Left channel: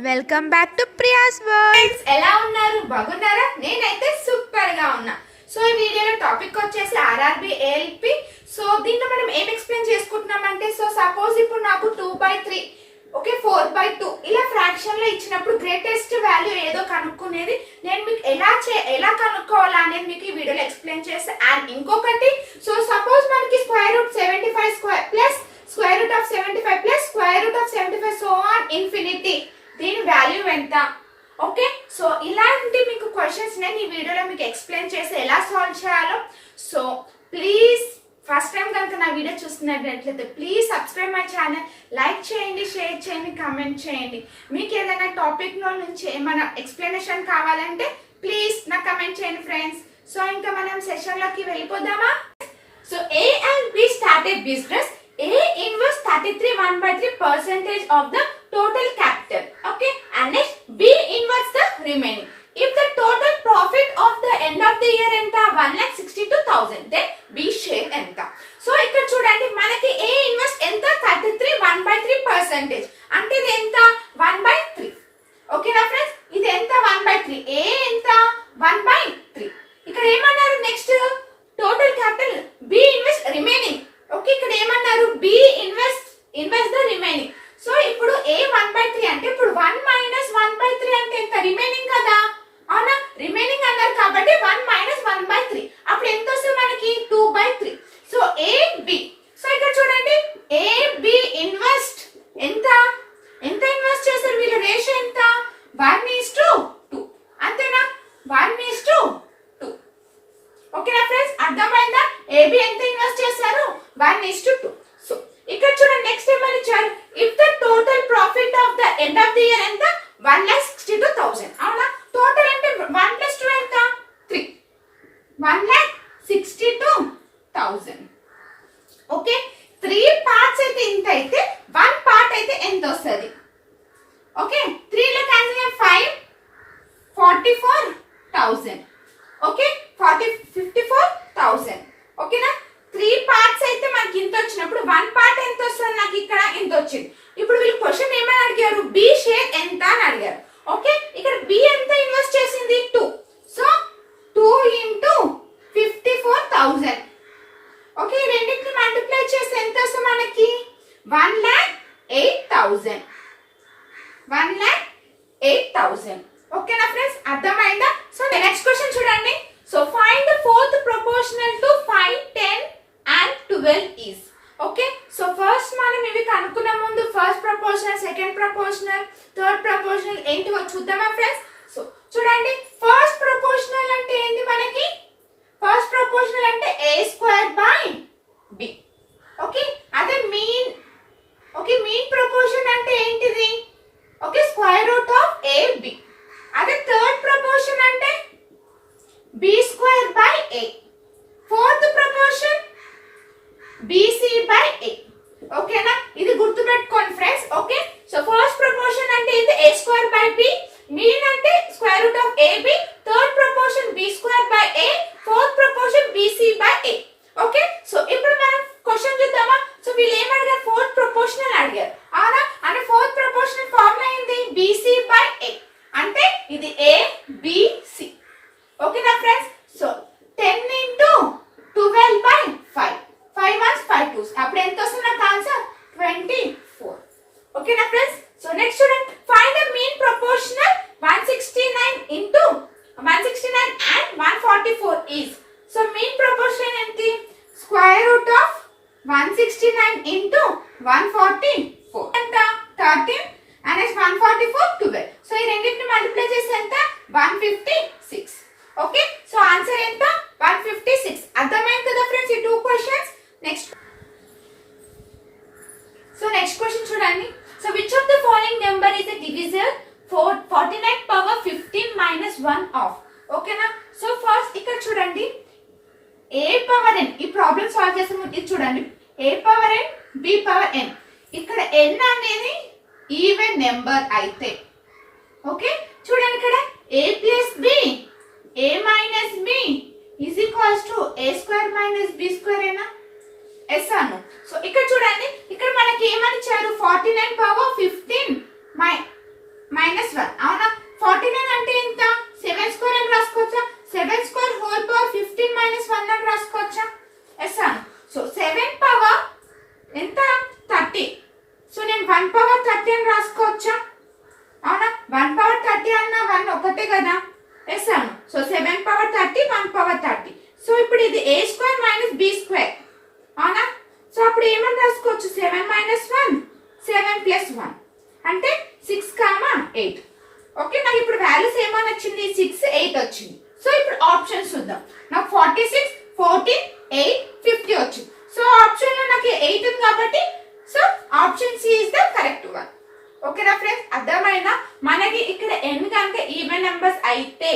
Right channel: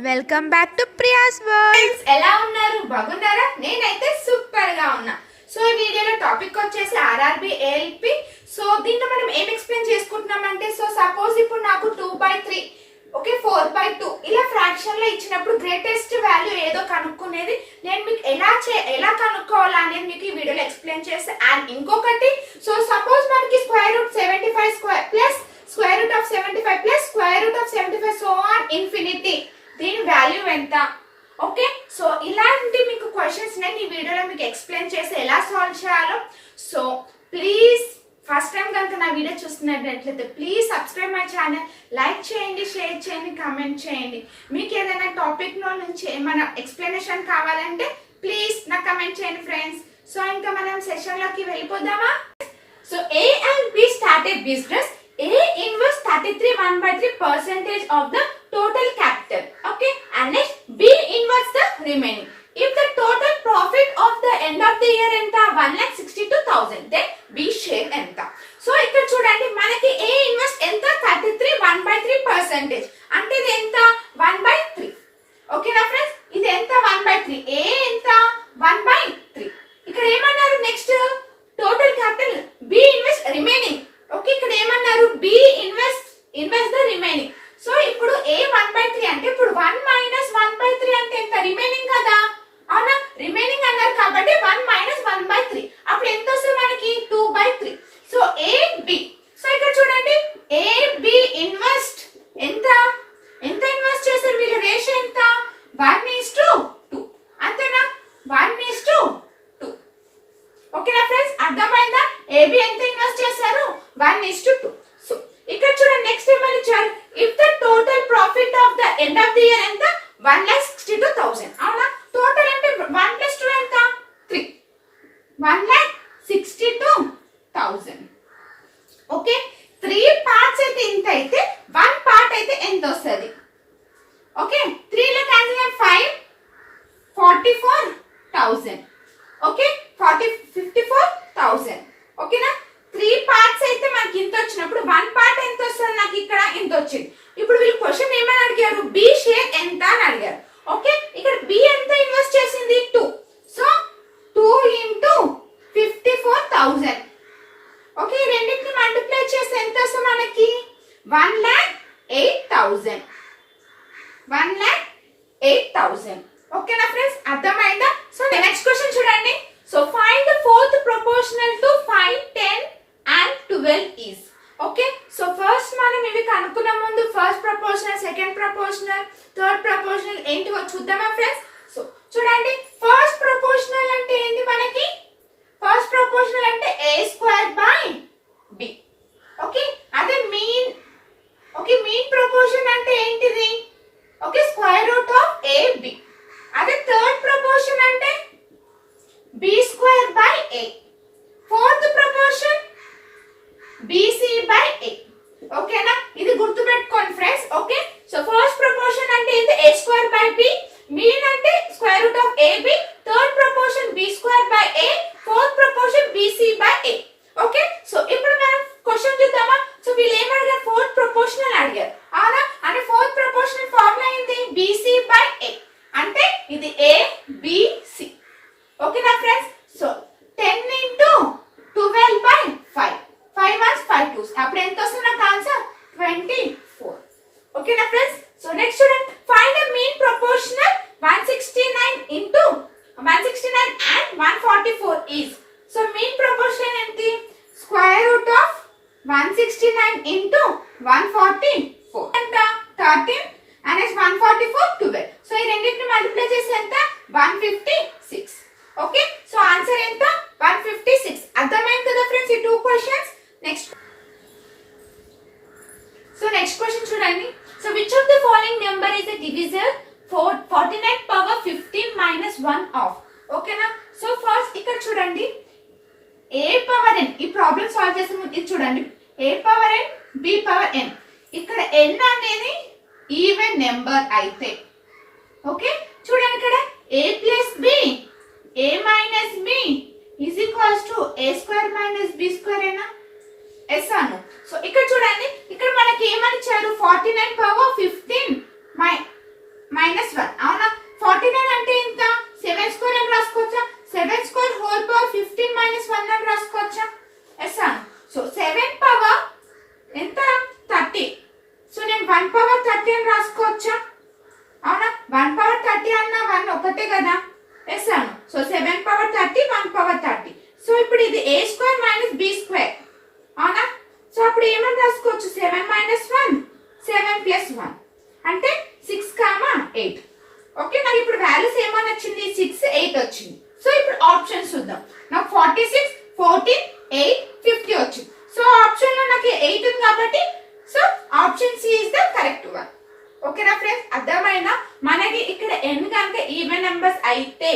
Welcome back to Priya's world. ఎలా ఉన్నారు? బాగున్నారా? నేనైతే సూపర్ గా ఉన్నా. సో ఈ వీడియోలో టాపిక్ వచ్చేసి ఆర్ఆర్బి ఏఎల్పి. సో దీంట్లో మనం ఏం ఎక్స్ప్లెయిన్ చేసుకుంటున్నామంటే, సో సపోజ్ ఇప్పుడు నాకు 2/3 ఓకే 4/2 ఇలా ఫ్రాక్షన్ లో ఇచ్చినప్పుడు గ్రేటెస్ట్ వాల్యూ ఏదో కనుక్కునేది నేను మీకు ఎలా కనుక్కోవాలా అనేది మీకు ఈ వీడియోలో ఎక్స్ప్లెయిన్ చేస్తే. అండ్ ఇంకొకటి, సో సపోజ్ మనకి √75² plus √75 plus √75 so on infinity, దీని వాల్యూ ఎంత? ఓకే, సో ఇలాంటి మీకు క్వశ్చన్స్ నేను ఈ వీడియోలో మీకు ఎక్స్ప్లెయిన్ చేసి ఎలా సాల్వ్ చేయాలో. సో ప్లీజ్ ఫస్ట్ టైం కనుక నా వీడియో చూస్తున్నట్లయితే please subscribe my channel, like చేయండి, షేర్ చేయండి, కామెంట్ చేయండి. మీకు ఏదైనా టాపిక్ లో నుంచి ఏమైనా ఎక్స్ప్లెనేషన్ కావాలంటే ప్లీజ్ నాకు కమెంట్ చేయండి ఫ్రెండ్స్. సో ఇంకా మనం సెషన్ లోకి వెళ్ళిపోదామా? So A and B started business. A inverse 33 1/3% of the total capital. Okay, and next B inverse the remaining. If the total profit of the end of the year enta 1,62,000, then B share enta. So ikkada chudandi manaki A inverse enta 33 1/3%, ante idi enta 1/3. Okay na friends, idi enta 1/3, A enta 1/3. ikkada emanaru next total capital B inverse remaining. Okay, ఇక్కడ ఏమన్నారు? B invest the remaining. So ఇప్పుడు A 1/3 అంటే ఇప్పుడు 1 - 1/3 అంటే ఎంత? Remaining కదా, అవునా? Remaining అన్నారు కాబట్టి 1 - 1/3 అప్పుడు ఎంత వస్తుంది మనకి? 2/3. సో AB, సో ఇక్కడ చూడండి AB ఇన్వెస్ట్ ఎంత ఇన్వెస్ట్ చేశారు వీళ్ళ? రేషియో ఎంత? 1:2. అంతేనా? 1:2. ఓకేనా ఫ్రెండ్స్, అర్థమైందా? AB ఎంత ఇన్వెస్ట్ చేశారు? 1:2. సో ఇక్కడ చూడండి నెక్స్ట్ ఏమని ఇచ్చారు? If the total profit of the end of the year ఎంత? 1,62,000. అవునా? టోటల్ అంటే 1 + 2 ఎంత? 3. 1,62,000. ఓకే, 3 పార్ట్స్ అయితే ఇంత అయితే 1 పార్ట్ అయితే ఎంత వస్తుంది? ఓకే, 3 లో క్యాన్సిల్ 5 44,000. ఓకే, 54,000. ఓకేనా? 3 పార్ట్స్ అయితే మనకి ఇంత వచ్చినప్పుడు 1 పార్ట్ ఎంత వస్తుంది? నాకు ఇక్కడ ఇంత వచ్చింది. ఇప్పుడు వీళ్ళు క్వశ్చన్ ఏమని అడిగారు? బి షేర్ ఎంత అని అడిగారు. ఓకే, ఇక్కడ బి ఎంత ఇన్వెస్ట్ చేసింది? 2. సో 2 × 54,000. ఓకే, రెండింటిని మల్టిప్లై చేస్తే ఎంత వస్తుంది మనకి? 1,08,000. 1,08,000. ఓకేనా ఫ్రెండ్స్, అర్థమైందా? సో నెక్స్ట్ క్వశ్చన్ చూడండి. So find the fourth proportional to 5, 10 and 12 is. Okay, so first మనం ఇవి కనుక్కున్న ముందు first proportional, second proportional, third proportional ఏంటివో చూద్దామా ఫ్రెండ్స్? సో చూడండి ఫస్ట్ ప్రపోర్షనల్ అంటే ఏంటి మనకి? ఫస్ట్ ప్రపోర్షనల్ అంటే A²/B. ఓకే, అదే మీన్. ఓకే, మీన్ ప్రపోర్షన్ అంటే ఏంటిది? Okay, √AB. అదే థర్డ్ ప్రపోర్షన్ అంటే B²/A. Fourth proportion BC/A. ఓకేనా? ఇది గుర్తు పెట్టుకోండి friends. Okay, so first proportion అంటే ఇది A²/B, మీన్ అంటే √AB, third proportion B²/A, fourth proportion BC/A. Okay, so ఇప్పుడు మనం క్వశ్చన్ చూద్దామా? సో వీళ్ళు ఏం అడిగారు? ఫోర్త్ ప్రపోర్షనల్ అడిగారు, అవునా? అంటే ఫోర్త్ ప్రపోర్షనల్ ఫార్ములా ఏంటి? BC/A. అంటే ఇది ABC. ఓకేనా ఫ్రెండ్స్? సో 10 × 12/5, 5 1s 5 2s, అప్పుడు ఎంత వస్తుంది నాకు ఆన్సర్? 24. ఓకేనా ఫ్రెండ్స్? సో నెక్స్ట్ చూడండి, find the mean proportional 169 and 144 is. So mean proportional ఏంటి? √169 × 144 ఎంత? 13 and 144 12. సో ఈ రెండింటిని మల్టిప్లై చేసి ఎంత? 156. ఓకే, సో ఆన్సర్ ఎంత? 156. అర్థమైంది కదా ఫ్రెండ్స్ ఈ 2 క్వశ్చన్స్. నెక్స్ట్ క్వశ్చన్ చూడండి. So which of the following number is the divisor 49/15 - 1 of. ఓకేనా? సో ఫస్ట్ ఇక్కడ చూడండి A/n, ఈ ప్రాబ్లం సాల్వ్ చేసే ముందు ఇది చూడండి, A/n B/n. ఇక్కడ n అనేది ఈవెన్ నెంబర్ అయితే, ఓకే చూడండి ఇక్కడ A + B, A - B is equals to A² - B² ఏనా? ఎస్ అను. సో ఇక్కడ చూడండి, ఇక్కడ మనకి ఏమని ఇచ్చారు? 49/15 - పవర్ 30 అని రాసుకోవచ్చా? అవునా, 1 పవర్ 30 అన్న 1 ఒకటే కదా. ఎస్ అను. So 7 power 30, 1 power 30. సో ఇప్పుడు ఇది a square minus b square. అవునా, సో అప్పుడు ఏమని రాసుకోవచ్చు? 7 మైనస్ 1, 7 ప్లస్ 1 అంటే 6, 8. ఓకే, నాకు ఇప్పుడు వాల్యూస్ ఏమని వచ్చింది? 6, 8 వచ్చింది. సో ఇప్పుడు ఆప్షన్స్ చూద్దాం. నాకు 46, 14, 8, 50 వచ్చింది. సో ఆప్షన్ లో నాకు 8 ఉంది కాబట్టి so option C is the correct one. ఓకేనా ఫ్రెండ్స్, అర్థమైనా? మనకి ఇక్కడ n కనుక ఈవెన్ నెంబర్స్ అయితే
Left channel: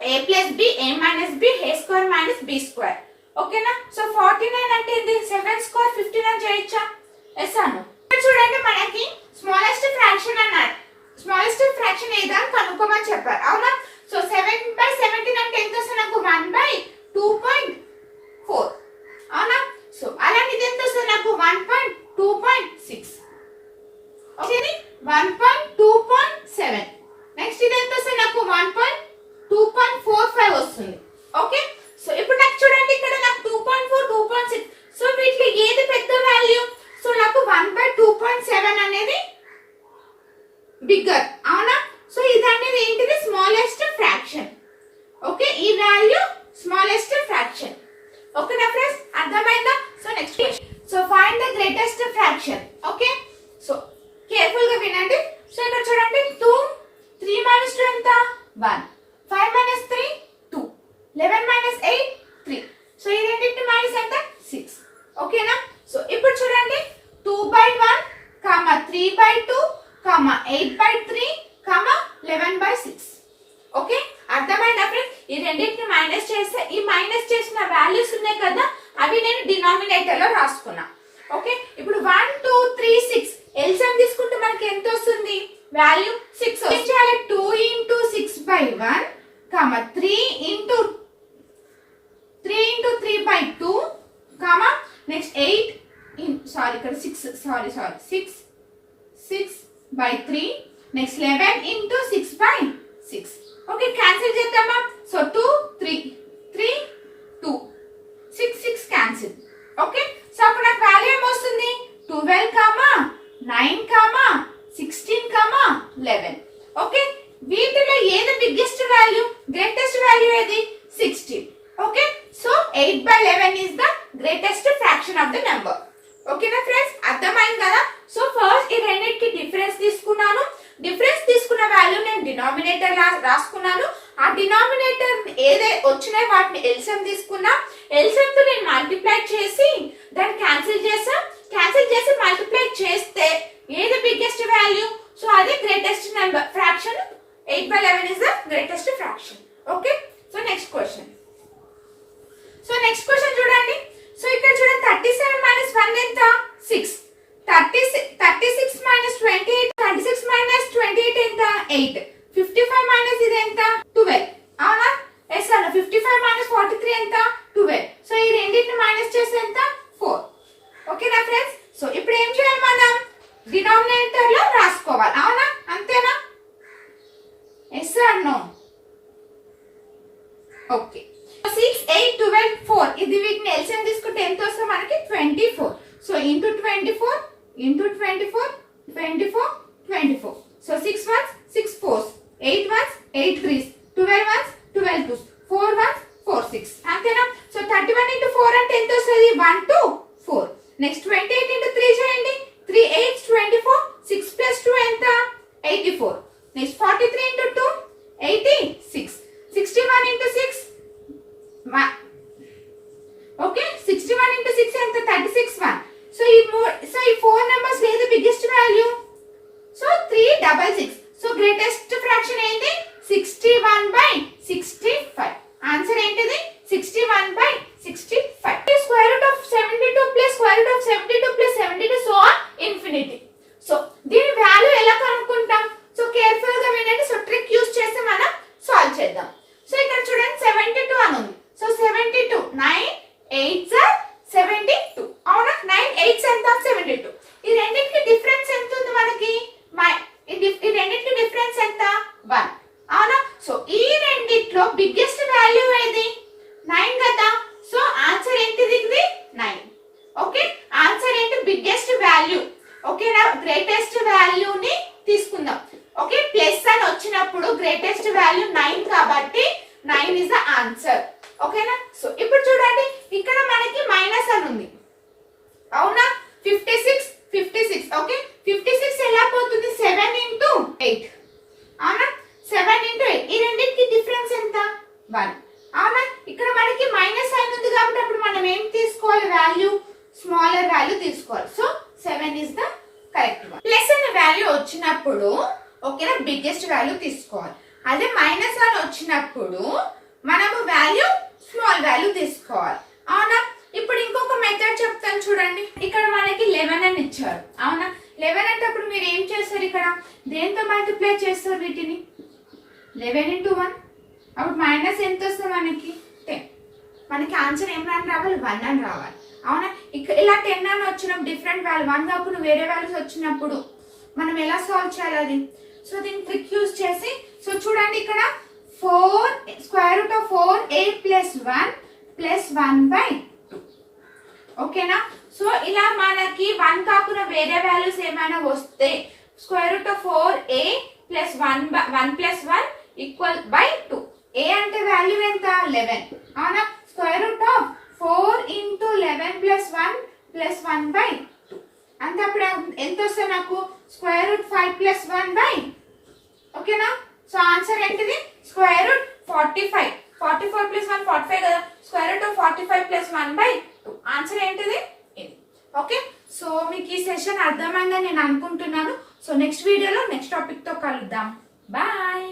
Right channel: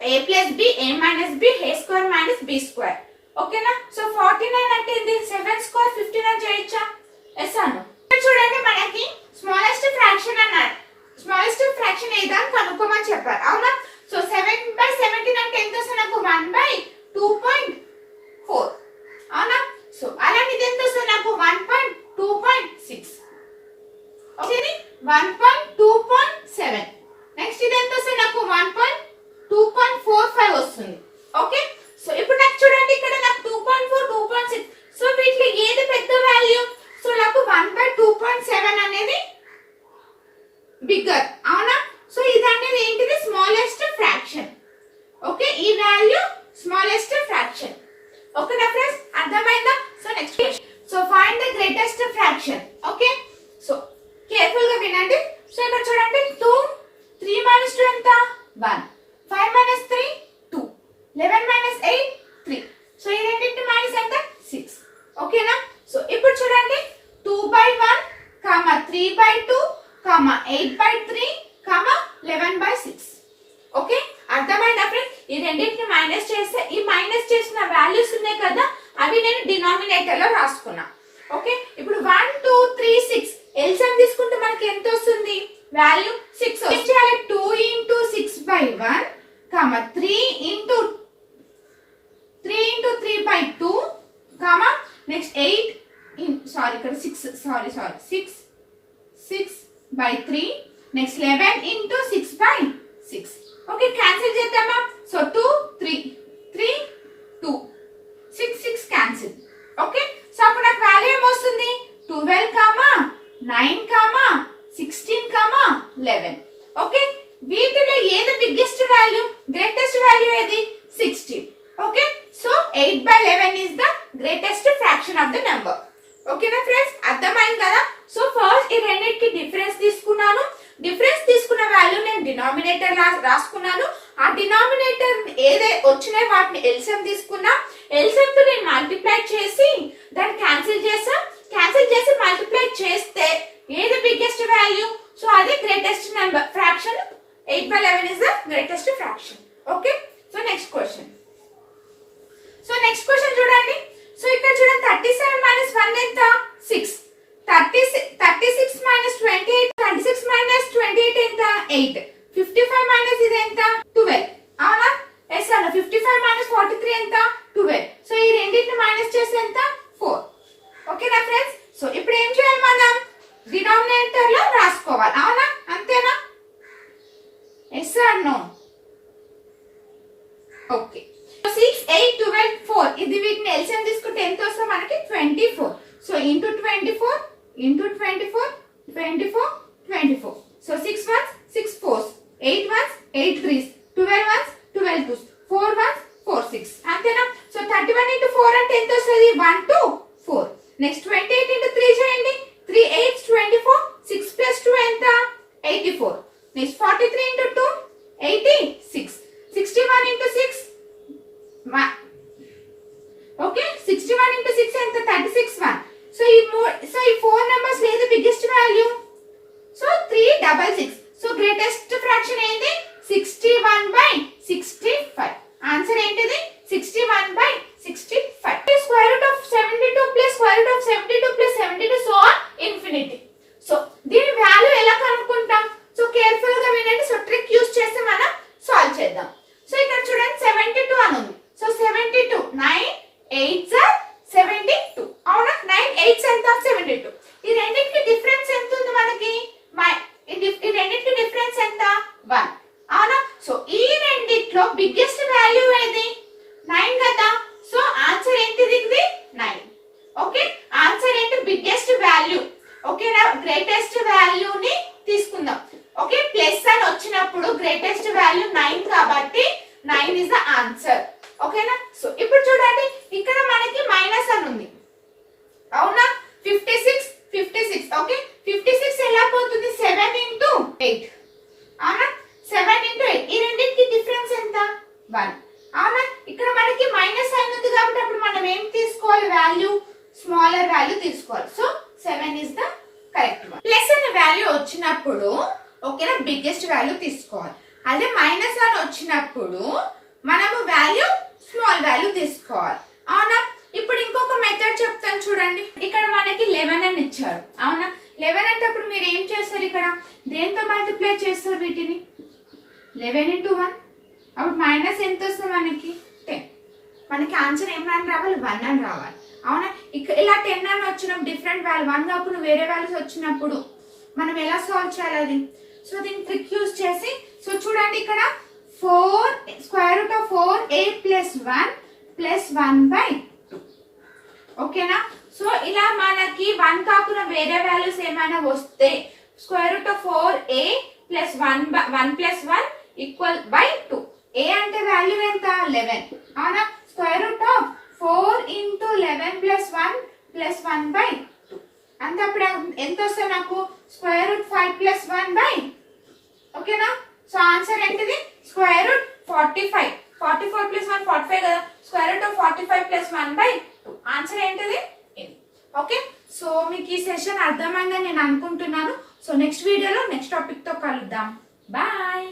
a plus b, a minus b, a square minus b square. ఓకేనా, సో 49 అంటే ఇది 7 స్క్వేర్ 59 చేయొచ్చా? ఎస్ అను. చూడండి, మనకి స్మాలెస్ట్ ఫ్రాక్షన్ అన్నాడు. స్మాలెస్ట్ ఫ్రాక్షన్ ఏదని కనుక్కోమని చెప్పారు. అవునా, సో 7/17 అంటే ఎంత వస్తుంది? నాకు 1/2.4. అవునా, సో అలాంటి ఇది ఎంత వస్తుంది? నాకు 1.2.6. ఓకే, 1.2.7. నెక్స్ట్ ఇది ఎంత వస్తుంది? నాకు 1.2.45 వస్తుంది. ఓకే, సో ఇప్పుడు నాకు చూడండి, ఇక్కడ నాకు 2.4, 2.6. సో వీటిలో ఏది పెద్ద వాల్యూ? సో నాకు 1/2.7 అనేది బిగ్గర్. అవునా, సో ఇది అనేది ఏంటిది? Smallest fraction. ఓకే, ఈ వాల్యూ స్మాలెస్ట్ ఫ్రాక్షన్. ఓకేనా ఫ్రెండ్స్, అర్థమైందా? So next question. So find the greatest fraction. Okay, so careful గా వినండి. సో ఇక్కడ చూడండి, 2, 3 minus 2 ఎంత? 1. 5 minus 3, 2. 11 minus 8, 3. సో ఈ రెండింటి మైనస్ ఎంత? 6. ఓకేనా, సో ఇప్పుడు చూడండి, 2/1, 3/2, 8/3, 11/6. ఓకే, అర్థమైందా ఫ్రెండ్స్? ఈ రెండింటిని మైనస్ చేస్తే ఈ మైనస్ చేసిన వాల్యూస్ ఉన్నాయి కదా, అవి నేను డినామినేటర్ లో రాసుకున్నా. ఓకే, ఇప్పుడు 1, 2, 3, 6 ఎల్సిఎం తీసుకుంటే మనకి ఎంత వస్తుంది? వాల్యూ 6 వస్తుంది. 2 into 6/1, 3 into 3/2, నెక్స్ట్ 8 ఇక్కడ 6/3, నెక్స్ట్ 11 into 6/6. ఓకే, క్యాన్సిల్ చేద్దామా? So 2, 3, 3, 2, 6, 6 cancel. ఓకే, సో అప్పుడు నాకు వాల్యూ ఏమొస్తుంది? 12, 9, 16, 11. ఓకే, వీటిలో ఏది బిగ్గెస్ట్ వాల్యూ? గ్రేటెస్ట్ వాల్యూ ఏది? 16. Okay, so 8/11 is the greatest fraction of the number. ఓకేనా ఫ్రెండ్స్, అర్థమైంది కదా? సో ఫస్ట్ ఈ రెండింటికి డిఫరెన్స్ తీసుకున్నాను. డిఫరెన్స్ తీసుకున్న వాల్యూ నేను డినామినేటర్ రాసుకున్నాను. ఆ డినామినేటర్ ఏదే వచ్చినాయి వాటిని ఎల్సిఎం తీసుకున్నా. ఎల్సిఎం తో నేను మల్టిప్లై చేసి దాన్ని క్యాన్సిల్ చేసి మల్టిప్లై చేస్తే ఏది బిగ్గెస్ట్ వాల్యూ? సో అది greatest number fraction. 8/11 is the greatest fraction. Okay, so next question. So next question చూడండి. సో ఇక్కడ చూడండి, 37 minus 1 ఎంత? 6. 36 minus 28, 36 minus 28 ఎంత? 8. 55 minus ఇది ఎంత? 12. అవునా, ఎస్ అన్న. 55 minus 43 ఎంత? 12. సో ఈ రెండింటిని మైనస్ చేస్తే ఎంత? 4. ఓకేనా ఫ్రెండ్స్, సో ఇప్పుడు ఏం చేయాలి? మనం డినామినేటర్ లో రాసుకోవాలి. అవునా, అంతేనా? Yes are no? ఓకే, 6, 8, 12, 4 ఇది వీటిని ఎల్సిఎం తీసుకుంటే ఎంత వస్తుంది మనకి? 24. So into 24 into 24, 24, 24. So 6 ones, 6 fours, 8 ones, 8 threes, 12 ones, 12 twos, 4 ones, 4 6. అంతేనా? సో 31 into 4 అంటే ఎంత వస్తుంది? 1, 2, 4. నెక్స్ట్ 28 into 3 చేయండి. 3 8 24, 6 plus 2 ఎంత? 84. Next 43 into 2, 86. 61 into 6, 1. Okay, 61 into 6 ఎంత? 36, 1. సో ఈ 4 నెంబర్స్ ఏది biggest value? So 366. So greatest fraction ఏంటి? 61/65. ఆన్సర్ ఏంటిది? 61/65. Square root of 72 plus square root of 72 plus 72 so on infinity. So దీని వాల్యూ ఎలా కనుక్కుంటాం? సో కేర్ఫుల్ గా వినండి. సో ట్రిక్ యూస్ చేసి మనం సాల్వ్ చేద్దాం. సో ఇక్కడ చూడండి, 72 అని ఉంది. So 72 9 8s are 72. అవునా, 9 8s ఎంత? 72. ఈ రెండింటికి డిఫరెన్స్ ఎంత ఉంది మనకి? ఈ రెండింటికి డిఫరెన్స్ ఎంత? 1. అవునా, సో ఈ రెండిట్లో బిగ్గెస్ట్ వాల్యూ ఏది? 9 కదా. సో ఆన్సర్ ఏంటిది? 9. ఓకే, ఆన్సర్ ఏంటి? Biggest value. ఓకేనా, గ్రేటెస్ట్ గ్రేటెస్ట్ వాల్యూని తీసుకుందాం. ఓకే, ప్లస్ అని వచ్చినప్పుడు గ్రేటెస్ట్ వాల్యూ 9 కాబట్టి 9 ఇస్ ద ఆన్సర్. ఓకేనా? సో ఇప్పుడు చూడండి, ఇక్కడ మనకి మైనస్ అని ఉంది, అవునా? 56. ఓకే, 56 ఎలా పోతుంది? 7 into 8, అవునా? 7 into 8, ఈ రెండింటికి డిఫరెన్స్ ఎంత? 1, అవునా? ఇక్కడ మనకి మైనస్ సైన్ ఉంది కాబట్టి అప్పుడు మనం ఏం తీసుకోవాలి? వాల్యూ, స్మాలర్ వాల్యూ తీసుకోవాలి. So 7 is the correct one. Plus అనే వాల్యూ వచ్చినప్పుడు ఓకేనా, బిగ్గెస్ట్ వాల్యూ తీసుకోవాలి. అదే మైనస్ అని వచ్చినప్పుడు మనము వాల్యూ, స్మాల్ వాల్యూ తీసుకోవాలి, అవునా? ఇప్పుడు ఇంకొక మెథడ్ చెప్తాను చూడండి. ఇక్కడ మనకి 11 అని ఇచ్చారు, అవునా? 11 అంటే అప్పుడు మీరు ఏం చేస్తారు? ఇక్కడ దేంతో మల్టిప్లై చేస్తారు వీటిని? 11 into 1, అప్పుడు మైనస్ ఎంత వస్తుంది మనకి? 10. మనకి ఆన్సర్ ఏం అని రావాలి? 1 అని రావాలి, అవునా? ఇక్కడ ఇలా 10 అని వచ్చినప్పుడు డిఫరెంట్ వాల్యూ 1 కాకుండా వేరే వాల్యూస్ వచ్చినప్పుడు మనం ఎలా సాల్వ్ చేయాలి అది? సో దీన్ని ట్రిక్ యూజ్ చేసి, సో చూడండి ఇక్కడ 4 square root of 4a plus 1 plus 1/2. ఓకేనా? సో ఇలా మనకి 1 కాకుండా వేరే వాల్యూస్ ఏమైనా వస్తే square root of 4a plus 1 plus 1 equal by 2. a అంటే వాల్యూ ఎంత? 11, అవునా? square root of 4 into 11 plus 1 plus 1/2 అంటే అప్పుడు ఎంత వస్తుంది నాకు? square root 5 plus 1/, ఓకేనా? సో ఆన్సర్ ఏంటిది? Square root 45. 44 plus 1 45 కదా, square root of 45 plus 1/2. Answer ఏంటిది? ఇది. ఓకే, సో మీకు ఈ సెషన్ అర్థమైందని నేను అనుకుంటున్నాను. సో నెక్స్ట్ వీడియోలో నెక్స్ట్ టాపిక్ తో కలుద్దాం. బాయ్.